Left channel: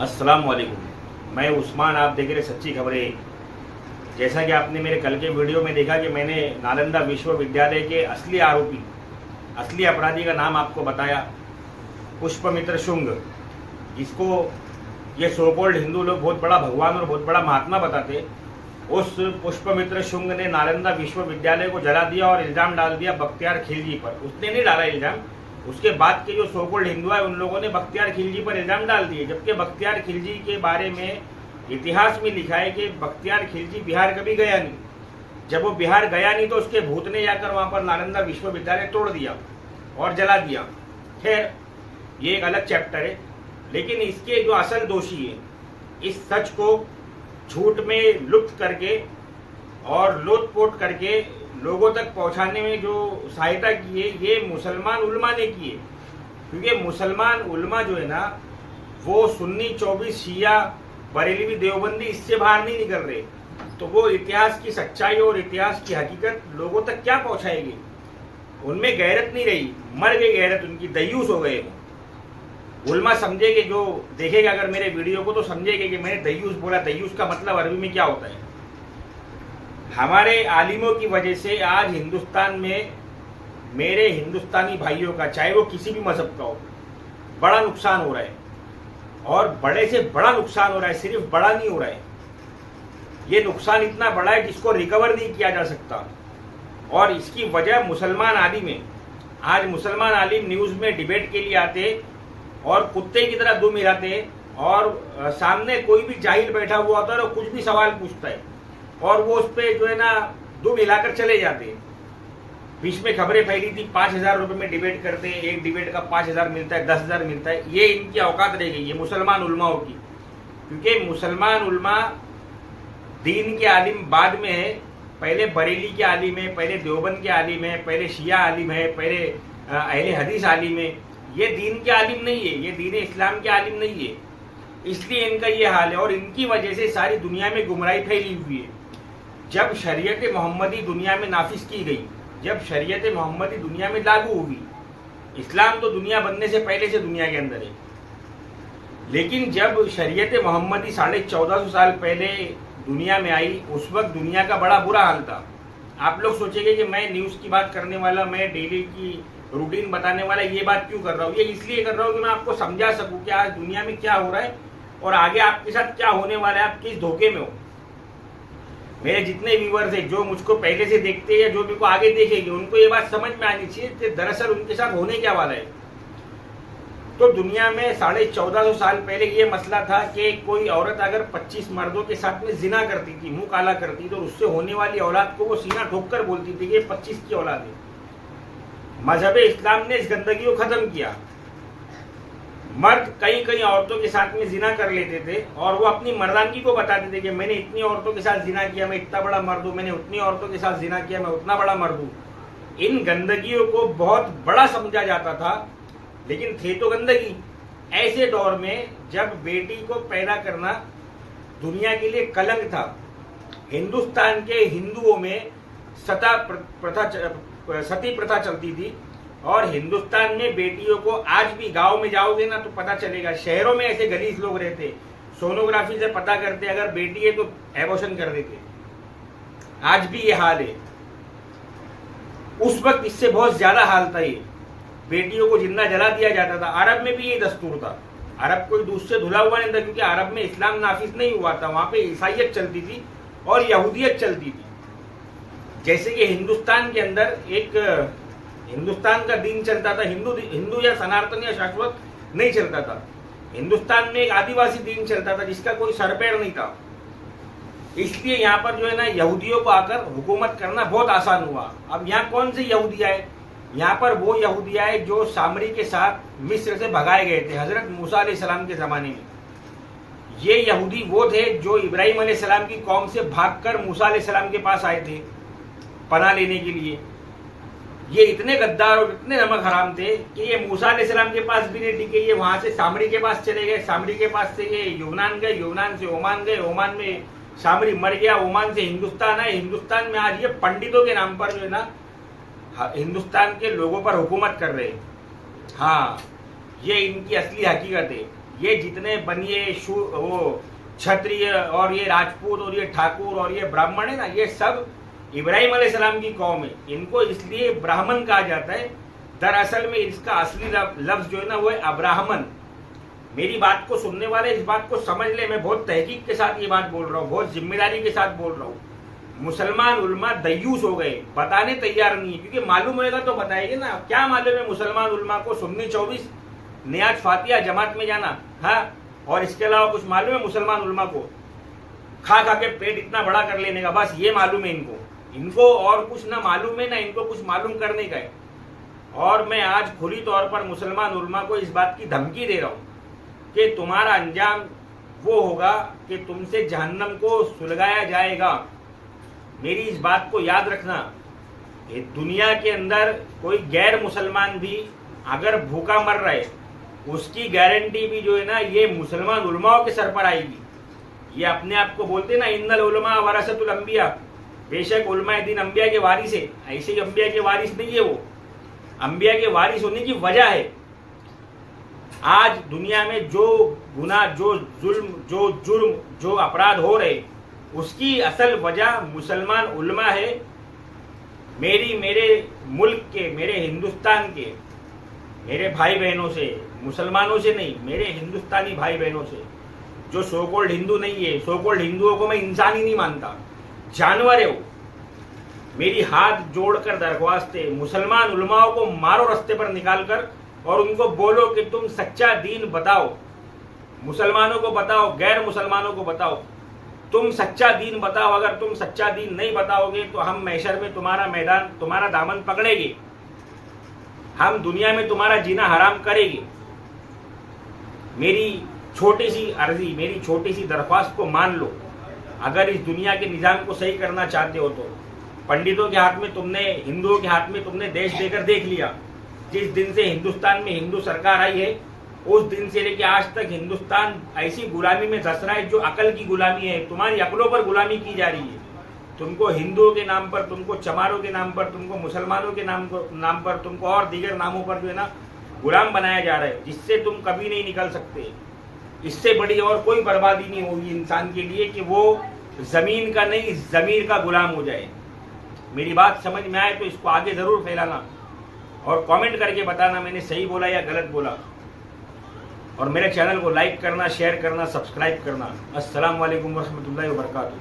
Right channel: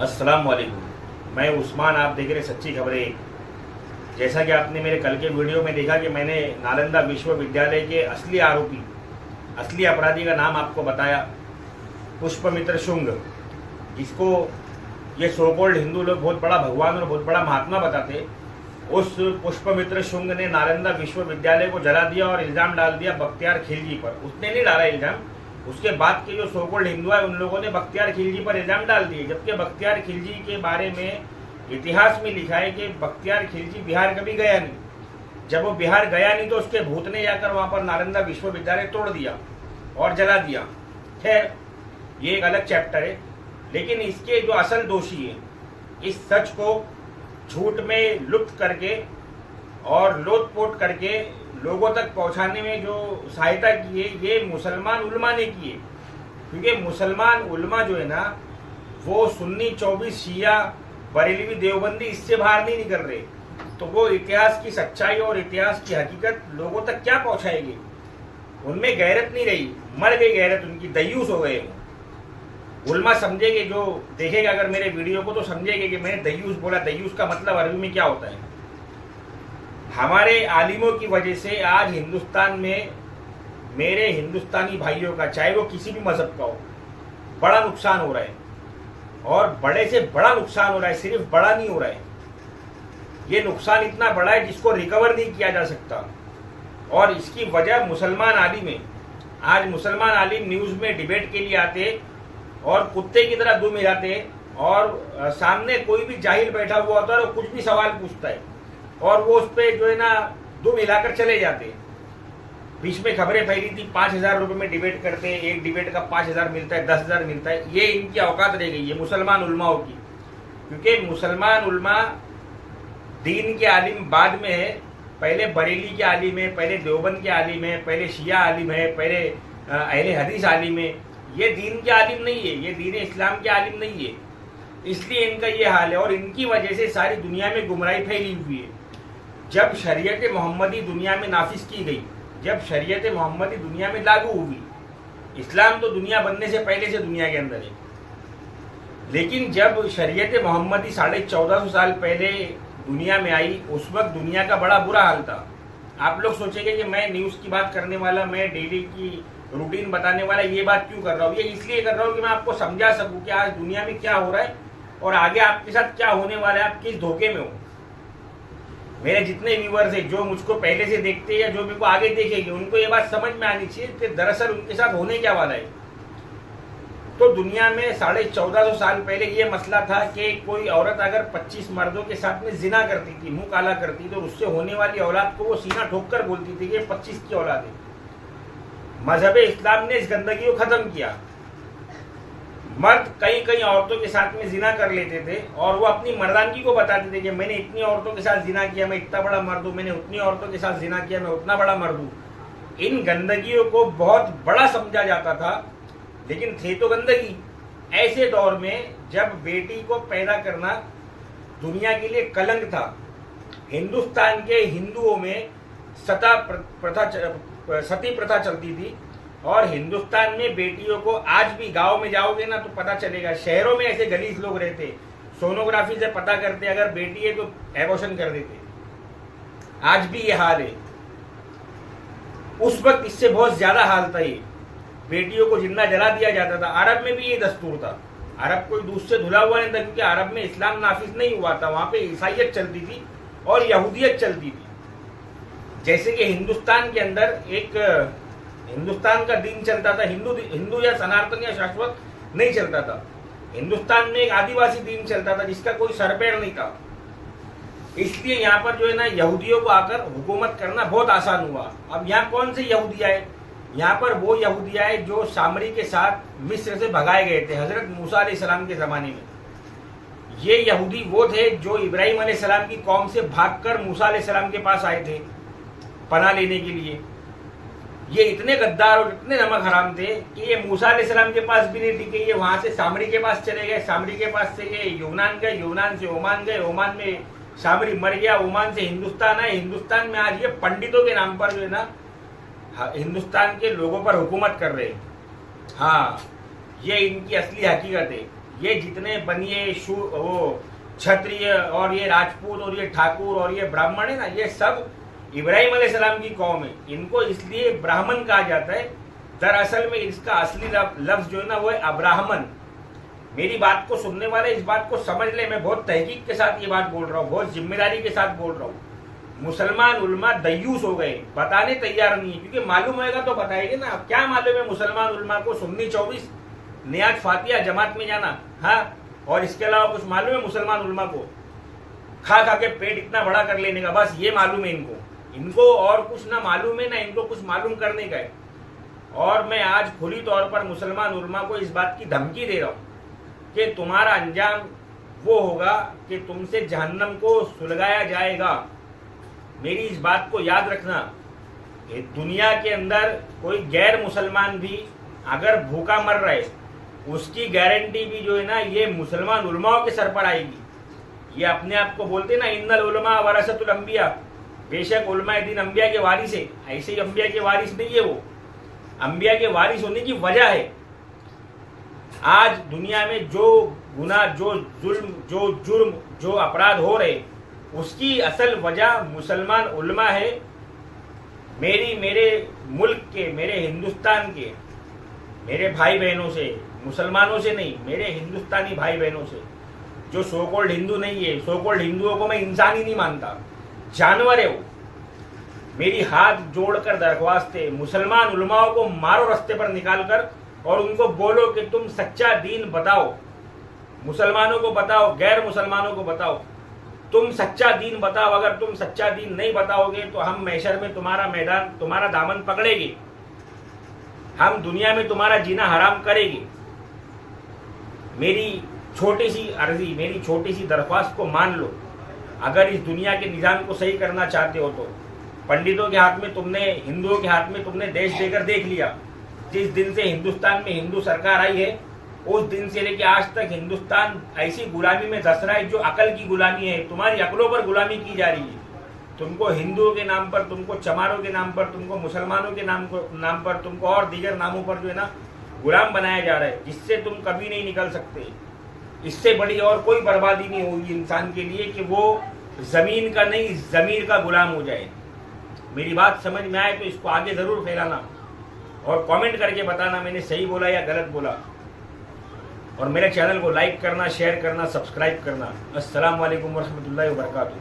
अस्सलाम वालेकुम। मैं उस्मान, आप देख रहे सच्ची खबरें। जैसा कि आपने मेरे कल के वीडियो में देखा कि मैंने नालंदा विश्वविद्यालय के असली आरोपी, असली अपराधी का नाम आपको बताया, पुष्पमित्र शुंग, जिसको ये सोकोल्ड हिंदू लोग बहुत बड़ा भगवान और बहुत बड़ा महात्मा बताते। उस पुष्पमित्र शुंग ने नालंदा विश्वविद्यालय को जला दिया और इल्जाम डाल दिया बख्तियार खिलजी पर। उसने नहीं डाला इल्जाम, उसके बाद के जो सोकोल्ड हिंदू है उन लोगों ने बख्तियार खिलजी पर इल्जाम डाल दिए। जबकि बख्तियार खिलजी के बारे में इतिहास में लिखा है कि बख्तियार खिलजी बिहार कभी गया नहीं। जब वो बिहार गया नहीं तो उसके भूत ने जाकर वहां पर नालंदा विश्वविद्यालय तोड़ दिया और जला दिया। खैर, ये एक अलग चैप्टर है। लेकिन इसके जो असल दोषी है, इस सच को झूठ में लुप्त करके और लोटपोट करके लोगों तक पहुंचाने में जो सहायता की है, ये मुसलमान उलमा ने की है। क्योंकि मुसलमान उलमा जो है ना, वो सुन्नी 24 शिया बरेलवी देवबंदी इससे बाहर नहीं निकल रहे। तो वो इतिहास की सच्चाई और इतिहास की हकीकत लोगों तक क्या पहुंचाएंगे? उनमें गैरत नहीं रही, मर गई गैरत उनकी, दयूस हो गए। उलमा समझेगे, जो देखेगा अगर मेरे वीडियो को तो समझेगा कि मैंने दयूस बोला। दयूस का मतलब अरबी में क्या होता है? हमारे आलिमों की वजह से आज हिंदुस्तान में मेरे हिंदुस्तानी भाइयों का, चाहे वो किसी भी मजहब का हो, बड़ा नुकसान हो रहा है। और बड़े से बड़ा नुकसान हो रहा है, सिर्फ बड़ा नहीं हो रहा है। ये नुकसान इतना बड़ा है जिसको रिकवर नहीं किया जा सकता। और इसकी वजह मुसलमान आलिम है। आज मुसलमान आलिम न्यूज में डिबेट के लिए आते और कुत्ते की तरह दुम हिलाते, और सामने कोई भी जाहिल बैठा हुआ होता है और कुछ भी सवाल पूछता है और वो उस पर जो है ना दुम हिलाकर चले जाते। बीच में खबरें फैली थी 5,000 रुपए में डिबेट करते हैं, एक डिबेट का 5,000 मिलता है, 10,000 मिलता है। ये इनकी औकात रह गई है मुसलमान उलमाओं की। क्योंकि मुसलमान उलमा दीन के आलिम बाद में है। पहले बरेली के आलिम है, पहले देवबंद के आलिम है, पहले शिया आलिम है, पहले अहले हदीस आलिम है। ये दीन के आलिम नहीं है, ये दीन इस्लाम के आलिम नहीं है। इसलिए इनका ये हाल है और इनकी वजह से सारी दुनिया में गुमराही फैली हुई है। जब शरीयत मोहम्मदी दुनिया में नाफिज की गई, जब शरीयत मोहम्मदी दुनिया में लागू हुई, इस्लाम तो दुनिया बनने से पहले से दुनिया के अंदर है। लेकिन जब शरीयत मोहम्मदी 1450 साल पहले दुनिया में आई, उस वक्त दुनिया का बड़ा बुरा हाल था। आप लोग सोचेंगे कि मैं न्यूज की बात करने वाला, मैं डेली की रूटीन बताने वाला, ये बात क्यों कर रहा हूँ? ये इसलिए कर रहा हूँ कि मैं आपको समझा सकूं कि आज दुनिया में क्या हो रहा है और आगे आपके साथ क्या होने वाला है, आप किस धोखे में हो। मेरे जितने व्यूअर्स हैं, जो मुझको पहले से देखते हैं या जो मेरे को आगे देखेंगे, उनको ये बात समझ में आनी चाहिए कि दरअसल उनके साथ होने क्या वाला है। तो दुनिया में 1450 साल पहले ये मसला था कि कोई औरत अगर 25 मर्दों के साथ में जिना करती थी, मुंह काला करती, तो उससे होने वाली औलाद को वो सीना ठोककर बोलती थी कि ये 25 की औलाद है। मजहब इस्लाम ने इस गंदगी को खत्म किया। मर्द कई कई औरतों के साथ में जिना कर लेते थे और वो अपनी मर्दानगी को बताते थे कि मैंने इतनी औरतों के साथ जिना किया, मैं इतना बड़ा मर्द हूं, मैंने उतनी औरतों के साथ जिना किया, मैं उतना बड़ा मर्द हूं। इन गंदगियों को बहुत बड़ा समझा जाता था, लेकिन थे तो गंदगी। ऐसे दौर में जब बेटी को पैदा करना दुनिया के लिए कलंक था, हिंदुस्तान के हिंदुओं में सती प्रथा चलती थी। और हिंदुस्तान में बेटियों को, आज भी गांव में जाओगे ना तो पता चलेगा, शहरों में ऐसे गलीस लोग रहते, सोनोग्राफी से पता करते, अगर बेटी है तो एबॉर्शन कर देते। आज भी ये हाल है। उस वक्त इससे बहुत ज्यादा हाल था। ये बेटियों को जिंदा जला दिया जाता था। अरब में भी ये दस्तूर था। अरब कोई दूध से धुला हुआ नहीं था, क्योंकि अरब में इस्लाम नाफिज नहीं हुआ था। वहां पे ईसाइयत चलती थी और यहूदियत चलती थी। जैसे कि हिंदुस्तान के अंदर एक हिंदुस्तान का दीन चलता था, हिंदू या सनातन या शाश्वत नहीं चलता था। हिंदुस्तान में एक आदिवासी दीन चलता था जिसका कोई सरपैर नहीं था। इसलिए यहाँ पर जो है ना, यहूदियों को आकर हुकूमत करना बहुत आसान हुआ। अब यहाँ कौन से यहूदिया है? यहाँ पर वो यहूदिया है जो सामरी के साथ मिस्र से भगाए गए थे हजरत मूसा अलैहिस्सलाम के जमाने में। ये यहूदी वो थे जो इब्राहिम अलैहिस्सलाम की कौम से भागकर मूसा अलैहिस्सलाम के पास आए थे पनाह लेने के लिए। ये इतने गद्दार और इतने नमक हराम थे कि ये मूसा अलैहिस्सलाम के पास भी नहीं टिके। ये वहां से सामरी के पास चले गए, सामरी के पास से ये यूनान गए, यूनान से ओमान गए, ओमान में सामरी मर गया, ओमान से हिंदुस्तान आए। हिंदुस्तान में आज ये पंडितों के नाम पर जो है ना, हिंदुस्तान के लोगों पर हुकूमत कर रहे हैं। हाँ, ये इनकी असली हकीकत है। ये जितने बनिए वो क्षत्रिय और ये राजपूत और ये ठाकुर और ये ब्राह्मण है ना, ये सब इब्राहिम अलैहिस्सलाम की कौम है। इनको इसलिए ब्राह्मण कहा जाता है, दरअसल में इसका असली लफ्ज जो है ना वो है अब्राह्मण। मेरी बात को सुनने वाले इस बात को समझ ले, मैं बहुत तहकीक के साथ ये बात बोल रहा हूँ, बहुत जिम्मेदारी के साथ बोल रहा हूँ। मुसलमान उलमा दयूस हो गए, बताने तैयार नहीं है, क्योंकि मालूम होगा तो बताएंगे ना। क्या मालूम है मुसलमान उलमा को? सुन्नी 24, नियाज फातिया, जमात में जाना, हाँ, और इसके अलावा कुछ मालूम है मुसलमान उलमा को? खा खा के पेट इतना बड़ा कर लेने का, बस ये मालूम है इनको और कुछ ना मालूम है, ना इनको कुछ मालूम करने का है। और मैं आज खुली तौर पर मुसलमान उलमा को इस बात की धमकी दे रहा हूं कि तुम्हारा अंजाम वो होगा कि तुमसे जहन्नम को सुलगाया जाएगा। मेरी इस बात को याद रखना। ये दुनिया के अंदर कोई गैर मुसलमान भी अगर भूखा मर रहा है, उसकी गारंटी भी जो है ना ये मुसलमान उलमाओं के सर पर आएगी। ये अपने आप को बोलते हैं ना, इन्नल उलमा वरसतुल अंबिया, बेशक उलमा दीन अंबिया के वारिस है। ऐसे ही अंबिया के वारिस नहीं है वो, अंबिया के वारिस होने की वजह है आज दुनिया में जो गुनाह, जो जुर्म, जो अपराध हो रहे, उसकी असल वजह मुसलमान उलमा है। मेरे मुल्क के, मेरे हिंदुस्तान के, मेरे भाई बहनों से, मुसलमानों से नहीं, मेरे हिंदुस्तानी भाई बहनों से, जो सोकोल्ड हिंदू नहीं है, सोकोल्ड हिंदुओं को मैं इंसान ही नहीं मानता, जानवर है वो। मेरी हाथ जोड़कर दरख्वास्त है, मुसलमान उलमाओं को मारो रास्ते पर निकाल कर, और उनको बोलो कि तुम सच्चा दीन बताओ, मुसलमानों को बताओ, गैर मुसलमानों को बताओ, तुम सच्चा दीन बताओ। अगर तुम सच्चा दीन नहीं बताओगे तो हम महशर में तुम्हारा मैदान, तुम्हारा दामन पकड़ेंगे, हम दुनिया में तुम्हारा जीना हराम करेंगे। मेरी छोटी सी अर्जी, मेरी छोटी सी दरख्वास्त को मान लो। अगर इस दुनिया के निजाम को सही करना चाहते हो तो पंडितों के हाथ में तुमने, हिंदुओं के हाथ में तुमने देश देकर देख लिया। जिस दिन से हिंदुस्तान में हिंदू सरकार आई है, उस दिन से लेकर आज तक हिंदुस्तान ऐसी गुलामी में धस रहा है जो अकल की गुलामी है। तुम्हारी अकलों पर गुलामी की जा रही है। तुमको हिंदुओं के नाम पर, तुमको चमारों के नाम पर, तुमको मुसलमानों के नाम पर, तुमको और दीगर नामों पर जो है ना गुलाम बनाया जा रहा है, जिससे तुम कभी नहीं निकल सकते। इससे बड़ी और कोई बर्बादी नहीं होगी इंसान के लिए कि वो जमीन का नहीं, जमीर का गुलाम हो जाए। मेरी बात समझ में आए तो इसको आगे जरूर फैलाना और कमेंट करके बताना मैंने सही बोला या गलत बोला। और मेरे चैनल को लाइक करना, शेयर करना, सब्सक्राइब करना। अस्सलाम वालेकुम वरहमतुल्लाहि वबरकातुहू।